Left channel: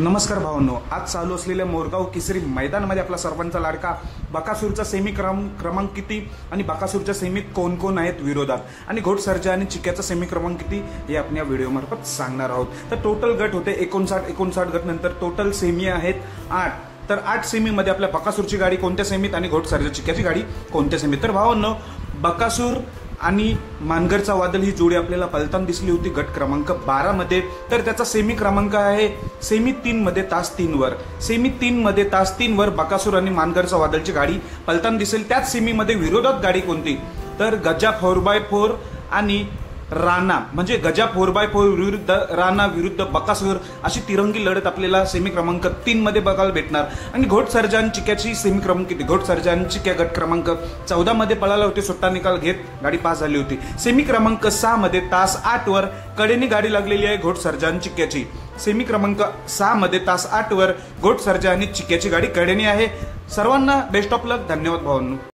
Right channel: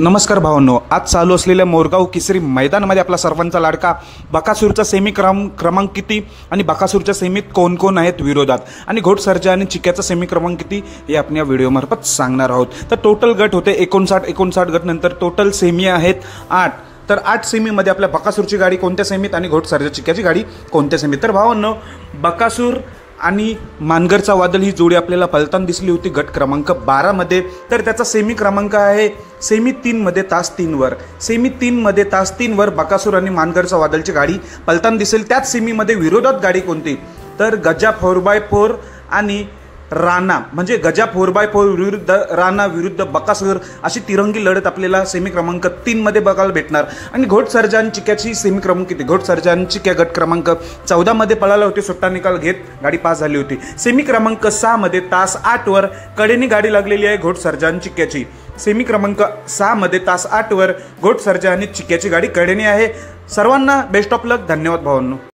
नमस्कार भावांनो, आज चालू असलेल्या मोरगाव केसरी मैदानामध्ये आपला सर्वांचा लाडका बकासूरचा सेमी क्रमांक किती आणि बकासूरच्या सेमीत कोण कोण आहेत विरोधात आणि घोडसर्जा आणि चिक्याचा सेमी क्रमांक किती हे आपण या व्हिडिओमार्फत सांगणार आहोत। तर टोटल गट होते 59 गट, नंतर टोटल सेमी आहेत 8। तर 8 सेमीमध्ये आपल्या बकासूरची गाडी कोणत्या सेमीत आणि घोडसर्जा चिक्याची गाडी कोणत्या सेमीत। तर भावांनो, बकासूर आणि मानगरचा वादळ ही जोडी आपल्याला पलताना दिसली होती गट क्रमांक 12 मध्ये। तर त्याचा सेमी क्रमांक आहे सेमी 3 मध्ये तास 3 वर। सेमी 3 मध्ये तास 3 वर बकासूर आणि मानगरचा वादळची गाडी पलताना दिसेल। त्याच सेमी मध्ये विरोधात गाडी कोणती, तर गजा 4x4 आणि राणा, म्हणजे गजा 4x4 विरुद्ध राणा विरुद्ध बकासूर अशी तिरंगी लढत आपल्याला सेमी क्रमांक 3 मध्ये बघायला भेटणार। आणि घोडसर्जा आणि चिक्याची सेमी क्रमांक किती, घोडसर्जा आणि चिक्या गट क्रमांक 14 मध्ये पळाला होती, सुट्टा निकाल घेत गाडी पास झाली होती। सेमी क्रमांक 6 मध्ये तास 8 वर कडेनी गाडी लागलेली आहे घोडसर्जा आणि चिक्याची। सेमी क्रमांक 6 मध्ये तास 8 वर घोडसर्जा आणि चिक्याची गाडी कडेनी आहे। सर्वांना बेस्ट ऑफ लक, धन्यवाद भावांनो।